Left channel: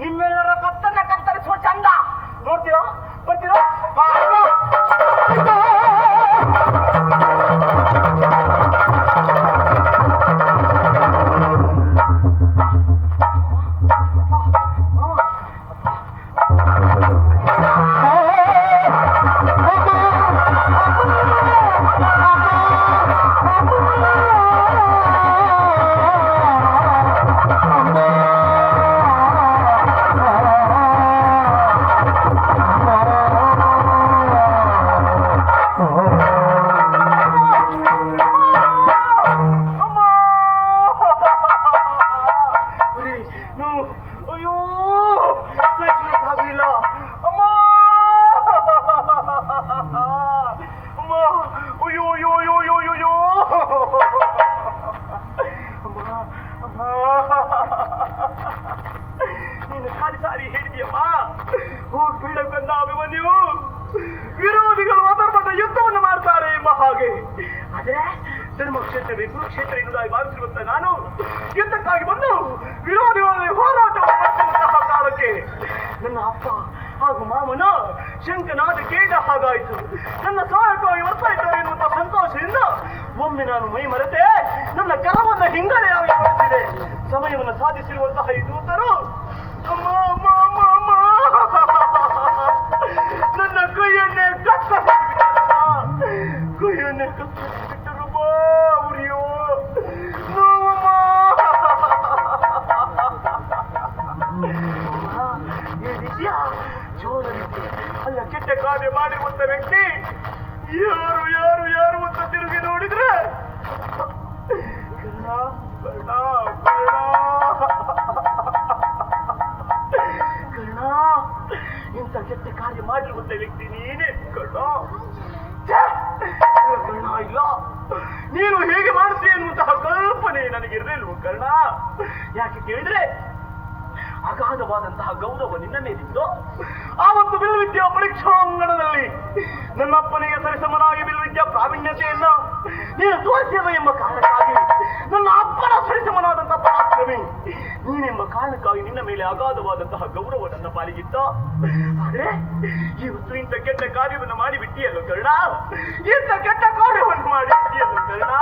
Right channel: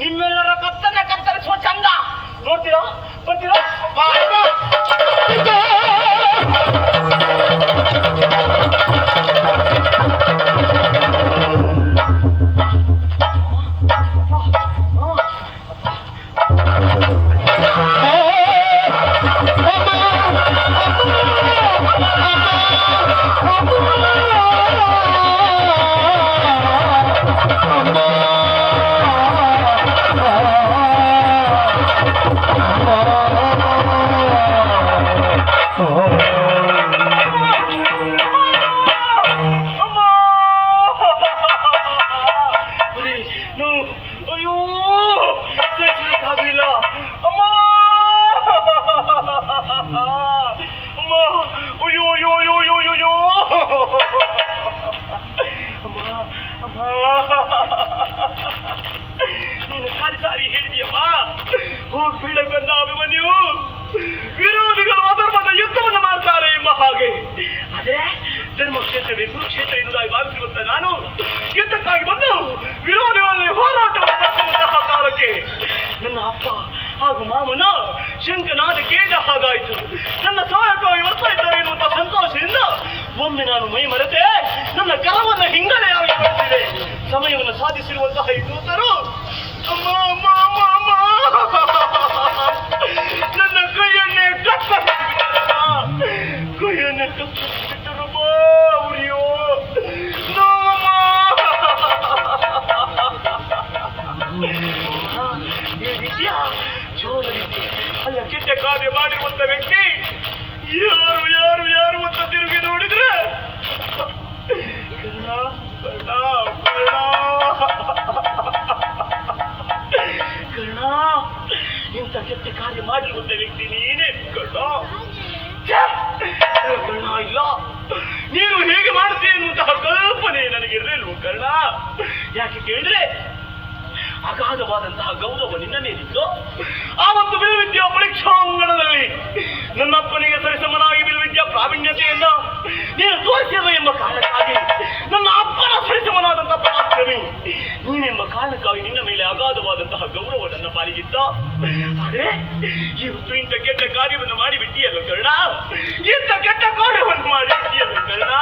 ನಿಮ್ಮೆಲ್ಲರ ಕತ್ತರಿಸುವ ಚಂದ ನೋಡ್ತೀರಾ ಬರ್ತೀರಾ? ನೀನು ಸಾರಿ ಹೇಳಿದೆಯಮ್ಮ, ಹೋಗಿ ಬೀಳಕ್ಕೆ ಬಂದ ಅಭಿಮನ್ಯು ವಿರೋಧಿಗಳು ಅಧರ್ಮದ ಯುದ್ಧವನ್ನು ಮಾಡ್ತಾರೆ ಎಂಬ ಹಾಗೆ. ಅದೇ ಧರ್ಮಕ್ಷೇತ್ರವೇ ಕುರುಕ್ಷೇತ್ರ ಎನ್ನುವುದಾಗಿ ಭಾವಿಸಿರುವಂತ ನಾನು ಯುದ್ಧಕ್ಕಾಗಿ ಬಂದು ವಿರೋಧಿಗಳಲ್ಲಿ ಹೋರಾಟವನ್ನು ನಡೆಸುವಂತಹ ಕಾಲಕ್ಕೆ ನನ್ನ ಅಪ್ಪ ಹಾಗೂ ಮಾವನ ಶಂಕನಾದ ಕೇಳಿದ ಹಾಗಾಯಿತು. ನನ್ನ ಸಹಾಯಕವಾಗಿ ಬರ್ತಾ ಇದ್ದಾರೆ ಎನ್ನುವಂತಹ ಸಂತೋಷದಿಂದ ಒಮ್ಮೆ ನಾನು ಮೈ ಮರೆತೆ ನನ್ನ ಕರವನ್ನು ಹಿಂಗಳೆಯಾಗಿ ಮಾಡಿಸಿದೆ. ಸಮಯವನ್ನು ಸಾಧಿಸಿರುವಂತಹ ಈ ದೂತರು ಅಮ್ಮ ಅಮ್ಮ ಅಮ್ಮ ಅಮ್ಮ ನನ್ನ ಕೈಯನ್ನೇ ಕೈಯನ್ನೇ ಕಟ್ಟಿಬಿಟ್ಟರು ಉರಿಯೋ ಅಲ್ಲ ಕೆಟ್ಟ ಕಾರ್ಯ ಮಾಡಿರುವಂತ ವ್ಯಕ್ತಿ ಯಾರು ಯಾರು ಯಾರು ಅಂತ ತಿರುಗಿ ನೋಡಿದ್ರೆ ಕರ್ಣ, ಇಂಥ ಕೆಟ್ಟ ಕಾರ್ಯ ಮಾಡಿರುವಂತ ವ್ಯಕ್ತಿ ನೀನೇ ಕರ್ಣ. ಕರ್ಣ, ಇಲ್ಲ ನೀನು ಹೇಗೆ ಮಾಡ್ತೀಯ ಎನ್ನುವಂತಹ ಕಲ್ಪನೆ ನನಗಿರಲಿಲ್ವ ಕರ್ಣ. ಯಾಕೆ ಕೇಳಿದ್ರೆ ಅಗಾಧವಾದಂತಹ ಗೌರವ ನಿನ್ನ ಮೇಲಿದ್ದು ಆವತ್ತು ಬಿಲ್ವಿದ್ಯಾ ಪರೀಕ್ಷಾಂಗಣದಲ್ಲಿ ನನ್ನ ಅಪ್ಪನಿಗೆ ಸರಿಸಮನಾಗಿ ಬಿಲ್ವಿದ್ಯಾ ಪ್ರಾವೀಣ್ಯತೆಯನ್ನ ನೀನು ತೋರಿಸಿದ ಎಂಬ ಕಾರಣಕ್ಕಾಗಿ ನನ್ನ ಅಪ್ಪನ ಸರಿಸಮನಾದಂತಹ ಪರಾಕ್ರಮಿ ನೀನೆಂಬ ಕಾರಣಕ್ಕಾಗಿ ನಿನ್ನ ಮೇಲೆ ಅಗಾಧವಾದಂತಹ ಗೌರವ ನನ್ನ ಪಾಲಿಗಿತ್ತ. ಅದೇ ಇವತ್ತು ಇಂಥ ಕೆಟ್ಟ ಕಾರ್ಯವನ್ನು ಮಾಡಿಬಿಟ್ಟಿಯಲ್ಲ ಕರ್ಣ, ಇಂಥ ಕೆಟ್ಟ ಕಾರ್ಯವನ್ನು ಮಾಡಿಬಿಟ್ಟಿಯಲ್ಲ ಕರ್ಣ.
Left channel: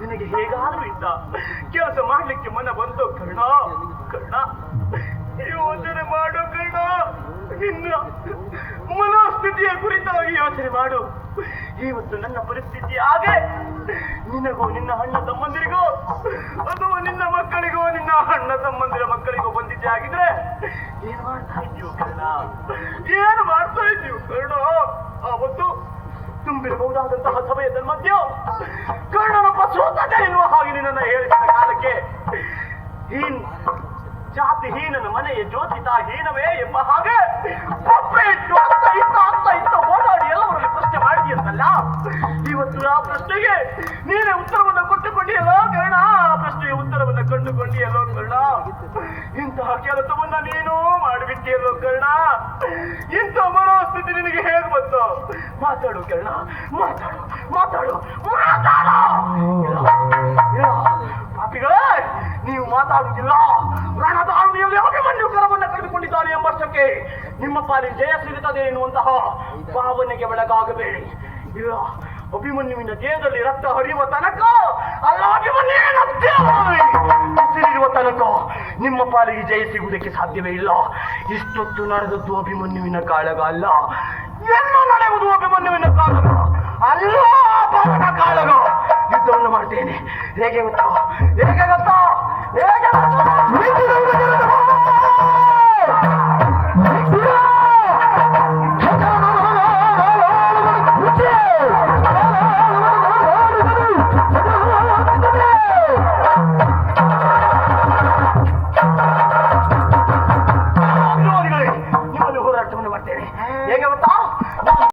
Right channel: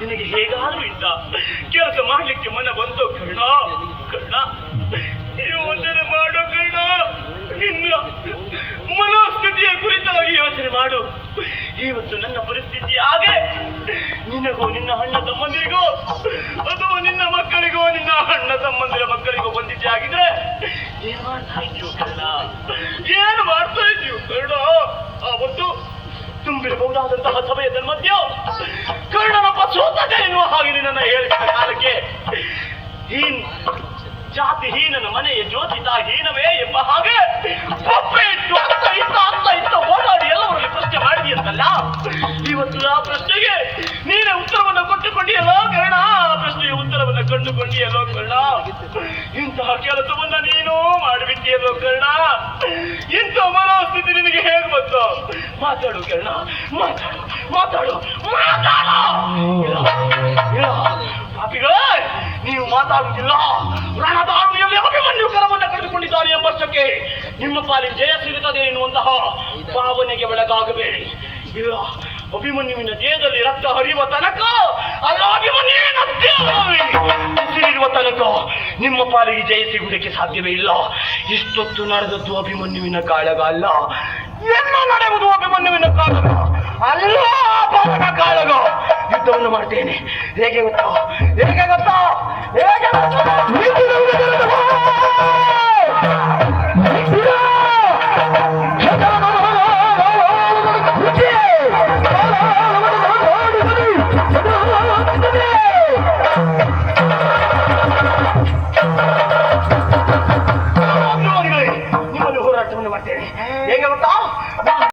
ನಿನಗೆ ಹೇಗಾದ್ರೂ ಇಂಥ ಕೆಲಸ ಮಾಡ್ಲಿಕ್ಕೆ ಮನ ಬಂತು ಕರ್ಣ. ಕರ್ಣ, ಯೋಚನೆ ಮಾಡು ಕರ್ಣ, ನಿನ್ನ ಮನೋಸ್ಥಿತಿಯ ಕುರಿತಾಗಿ ಯೋಚನೆ ಮಾಡು. ಇವತ್ತು ನನ್ನ ಪರಿಸ್ಥಿತಿ ಹಾಗೆ ನಿನಗೋ ನಿನ್ನ ಅಣ್ಣ ತಮ್ಮಂದಿರಿಗೋ ಅಥವಾ ನಿನ್ನ ಮಕ್ಕಳಿಗೋ ನಿನ್ನ ಅಣ್ಣ ತಮ್ಮಂದಿರ ಮಕ್ಕಳಿಗೋ ಬಂದಿದ್ದೆ ಆಗಿದ್ರೆ ಏನ್ ಮಾಡ್ತಾ ಇದ್ದೀವಿ ಕರ್ಣ, ಏನು ಮಾಡ್ತಾ ಇದ್ದೀವಿ ಕರ್ಣ. ಆವತ್ತು ತುಂಬಿರಬಹುದಾದಂತಹ ಸಮಯದ ಮಧ್ಯ ಕರ್ಣನೊಬ್ಬ ಸೋತದೆ ಎನ್ನುವ ಹಾಗೆ ನನ್ನ ಹೇಳಿದ ಕಾಲಕ್ಕೆ ಜಾತಿಹೀನನ ಮನೆಯ ಜ್ಯೋತಿತ ಹೀನವೇ ಎಂಬ ಹಾಗೆ ಇತ್ತು ಓಡಾಡಿ ಎಲ್ಲವರಲ್ಲಿ ಪ್ರಶ್ನೆ ಮಾಡಿದೆಯಂತಲ್ಲ. ಇವತ್ತು ಆ ಪ್ರಶ್ನೆಗೆ ನೀನೇ ಉತ್ತರವನ್ನು ಕೊಟ್ಟುಕೊಂಡಿಯಲ್ಲೋ ಕರ್ಣ, ಆ ಪ್ರಶ್ನೆಗೆ ಉತ್ತರವನ್ನು ಕಂಡುಕೊಂಡಿಯಲ್ಲೋ ಕರ್ಣ. ಇಂತಹ ಕೆಲಸವನ್ನ ನೀನು ಮಾಡಿಬಿಟ್ಟಿಯಲ್ಲೋ ಕರ್ಣ. ಇಂಥ ಮನಸ್ಥಿತಿ ನಿನಗೆ ಹೇಗೆ ಬಂತು? ಮಾತಾಡು ಕರ್ಣ, ಮಾತಾಡು ಮಾತಾಡು ಮಾತಾಡು. ಪಾಪಿಗಳೇ, ನೀವು ಮಾತಾಡುವುದಿಲ್ಲ. ಪ್ರಾಣದ ಆಳ್ಮೆಯಲ್ಲಿ ಅಭಿಮನ್ಯು ಕರವನ್ನು ಕಳೆದುಕೊಂಡಿದ್ದಾರೆ ಎಂಬಷ್ಟಕ್ಕೆ ನಿಮ್ಮ ಪಾಲಿಗೆ ಜಯ ಸಿಗುತ್ತದೆ ಎನ್ನುವಂತಹ ಭಾವನೆಗೆ ಒಳಗಾಗಬೇಡಿ. ಇಲ್ಲ, ಅಭಿಮನ್ಯುವಿನ ದೇಹದಲ್ಲಿ ರಕ್ತ ಹರಿಯುವ ತನಕ ಅಲ್ಲ ಅಭಿಮನ್ಯುವಿನ ಉಸಿರಿರುವ ತನಕ ನಿಮ್ಮ ಪಾಲಿಗೆ ಜಯ ಸಿಗುವುದಕ್ಕೆ ಸಾಧ್ಯವೇ ಇಲ್ಲ. ಇಷ್ಟೊತ್ತು ನಡೆದದ್ದು ಅಭಿಮನ್ಯುವಿನ ಕಾಳಗ ಅಲ್ಲ, ಎಲ್ಲ ನಡೆಯುವುದು ಅಭಿಮನ್ಯುವಿನ ಕಾಳಗ ಅಲ್ಲ, ಬಾಲಕ ಕಾಳಗ. ಯುದ್ಧವನ್ನು ಮಾಡ್ತೇನೆ. ಹೇಗೆ ಗೊತ್ತಾ ಹೇಗೆ ಗೊತ್ತಾ ಹೇಗೆ ಗೊತ್ತಾ